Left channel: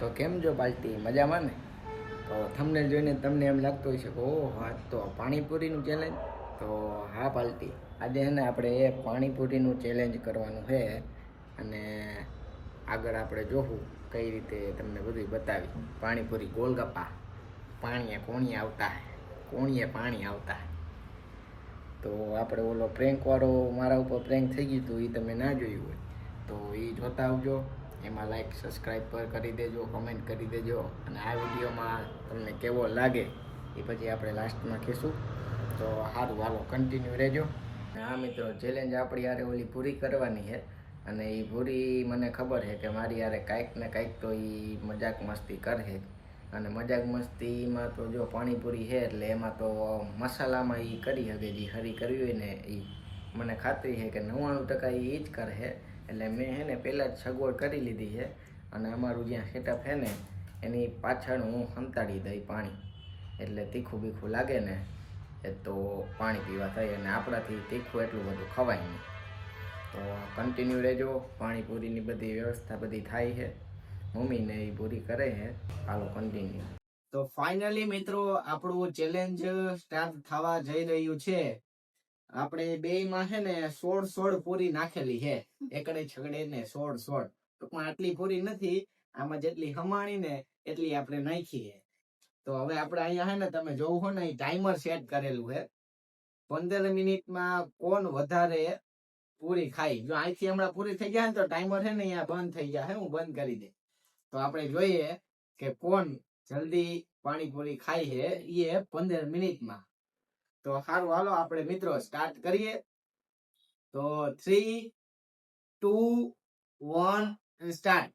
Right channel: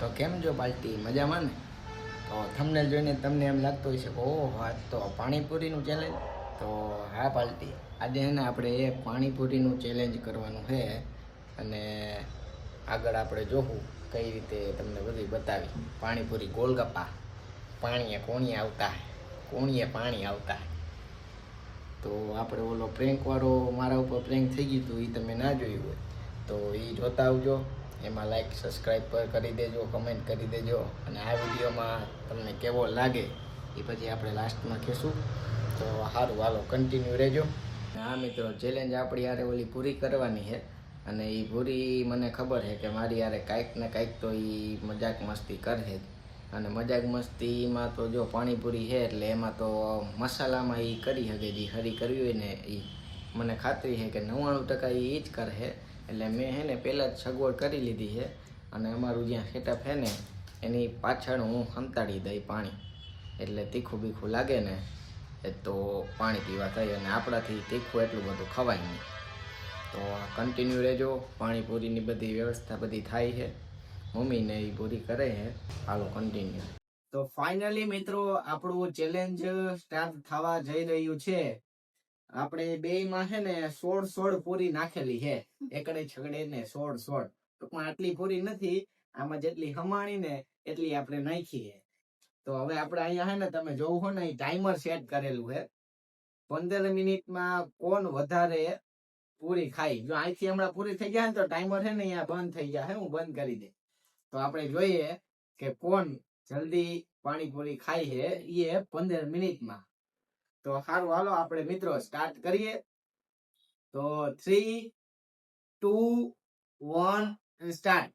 તો કેમ જો બાલટી મજામાં ને? તો થંબનેલ જોઈને તમને એમ લાગતું હોય છે કે ઓહ આ તો પાણીપુરીનું ચેલેન્જ. તો હા બાલટી, આજે છે ને આપણે એ પાણીપુરીનું ચેલેન્જ કરવાનું છે. અને આગળ આપણે જોવું કઈ રીતે તમને બધું બતાવી. પાણીપુરી ગોલગપ્પા, પાણીએ કોણીએ આવતા હે, કોણીએ પાણી આવતા હે. તો આપણે ઓલો પ્રેન્કવાળો મારા ઉપર પ્રેન્ક થઈ ગયું હતું, એ તમે ના જોયું હોય તો એ જોતા આવજો. એમાં લાઈક સબસ્ક્રાઈબ પર કરી દેજો, કમેન્ટ કરી દેજો. અને આ વિડીયોમાં તમને કેવો લાગે એ પછી આપણે લાસ્ટમાં કહેશું. તો સારું, હાલો કન્ટિન્યુ રહેજો. હા મિત્રો, ચેલેન્જ આપણી યારે ઓલી પૂરી કરવાની છે. અને એ પૂરી મને ખબર છે કે મારી યારે કાંઈક ને કાંઈક તો એ મજાક મસ્તી કરે. અને મજાક મસ્તીમાં તો જો પાણીપુરી છે એટલે એમાં તો મસાલામાં એ કરી શકે, જે હરી કરવી હોય ને એ મને ખાતરી છે કે 99% એ જ કરે. એટલે મેં છે ને પહેલાં જ સગવડ કરી લીધી છે. અને અમારું જ્યાં સેટઅપ છે ને એની પાછળ હું સંતાડી દઈ પાણી, એટલે તીખું બીખું લાગે ને એ તો પાણી પીવા થાય. અને આપણાથી તીખું એટલું બધું ખવાય નહીં. તો કન્ટિન્યુ રહેજો. પાણીપુરીની બધી વ્યવસ્થા બધી થાય છે, મમ્મીને એ પૂરી કરે છે. હાલો કન્ટિન્યુ. તો ફાઇનલી મિત્રો આપણું ચેલેન્જ સ્ટાર્ટ થવા જઈ રહ્યું છે. આપણે બેયમાં છે ને 16 પૂરી નાખેલી છે, એકડે છગડે ને 16. ટૂંકમાં આટલી પૂરી નથી, આમાં જેટલી હમાણી ને એટલી આપણે નાખી છે. તો હવે આપણે અહીંયા છે ને તમે જોવું હો ને ટાઈમર સેટ કરેલું છે. 15 મિનિટમાં કોણ વધારે પૂરી ખાઈ. જો અહીંથી હમણાં પૂરી થઈ જાય ને તો ટાઈમર છે ને અહીંયા બંધ થઈ જાય. હું બંધ કરી દે તો આપણે જોઈએ કે કોણ જલ્દી પાણીપુરી ખાઈ છે એ 15 મિનિટમાં. તો સારું, હાલો આપણે મિત્રો સ્ટાર્ટ કરીએ. તો 3, 2, 1 સ્ટાર્ટ.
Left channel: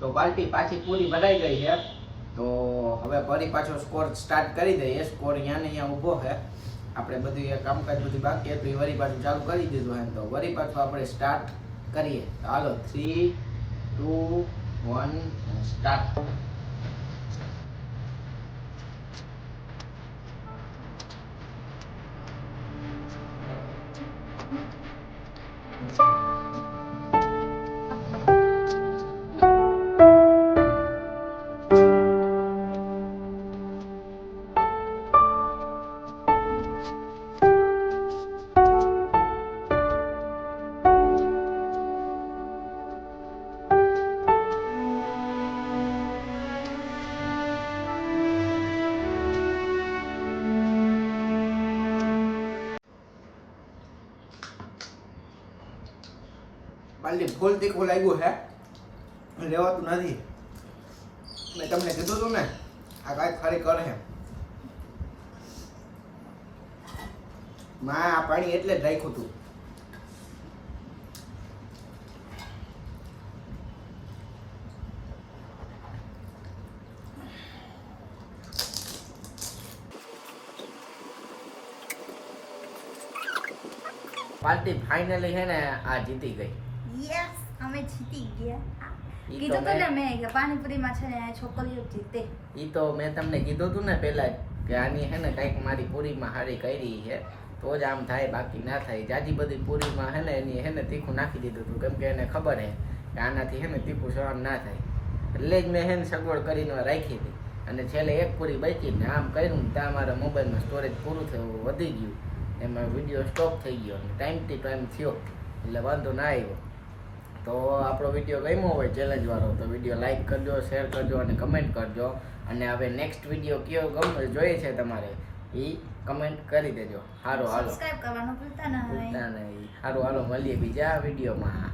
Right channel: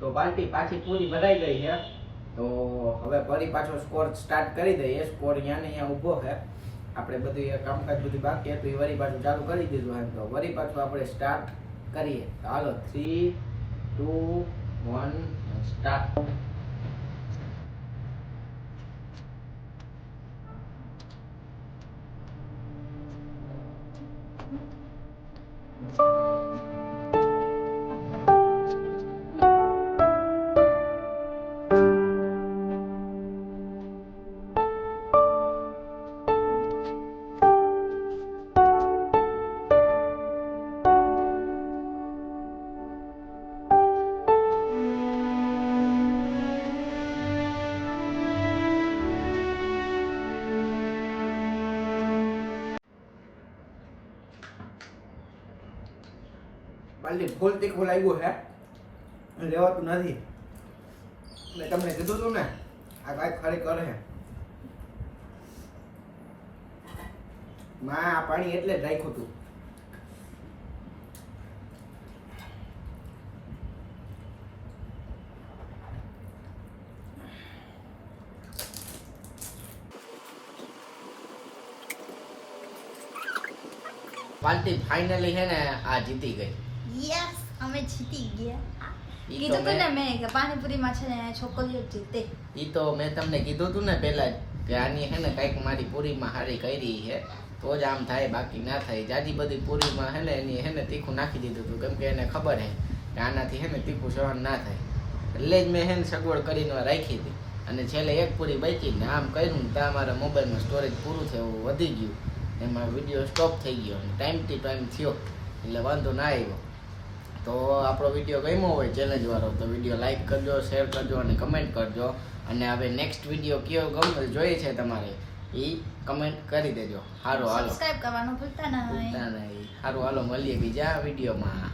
તો બાલટી પાછી પૂરી ભરાઈ ગઈ છે. તો હવે ફરી પાછો સ્કોર સ્ટાર્ટ કરી દઈએ. સ્કોર અહીંયા ને અહીંયા ઊભો છે. આપણે બધું કામકાજ બધું બાકી હતું એ વળી પાછું ચાલુ કરી દીધું. તો વળી પાછું આપણે સ્ટાર્ટ કરીએ. હાલો 3 2 1 સ્ટાર્ટ. પાલી ફૂલ તીખું લાગ્યું છે, લેવાતું નથી. મેં તમને કીધું હતું ને આ કાંઈક ખરી કરે છે. આ પાણી એટલે જ રાખ્યું હતું. પાર્ટી ફાઇનલી છે ને આ જીતી ગઈ. યસ, અમે જીતી ગયા. ઈ તો કીધું મેં ને મેં કે પાણીપુરીમાં છે ને છોકરીઓ જ જીતે. ઈ તો મેં તમને કીધું હતું ને પહેલા કે આની છે ને કંઈક મારી પૂરીમાં હારી કરી છે તો જ આમ થાય, બાકી ના થાય. જાજી બધી પૂરીમાં છે ને એની છે ને તીખું નાખી દીધું હતું, કેમ કે એને ખબર છે કે આનાથી છે ને તીખું સહન ના થાય. એટલે જ મેં છે ને સગવડ કરીને રાખી હતી. અને છેલ્લે એક પૂરી બચી ને આમ કર્યું ને ત્યાં મારા મોબાઈલમાં સ્ટોરેજ પૂરું થયું, વધી ગયું, એમાં વિડીયો સ્ટોપ થઈ ગયો અને ટાઈમ ટુ ટાઈમ થયો એટલે વાંધો ના આવ્યો. તો આપણો વિડીયો ગમ્યો હોય ચેલેન્જ વાળો તો વિડીયો લાઈક કરજો, શેર કરજો અને કમેન્ટ કરજો. અને હવે નેક્સ્ટ વિડીયો કયો જોઈએ છે તમારે એ કમેન્ટ કરી દેજો. સારું હાલો, સબસ્ક્રાઇબ કરવાનું ભૂલતા નહીં. સારું હાલો, મળીએ બીજા વિડીયોમાં.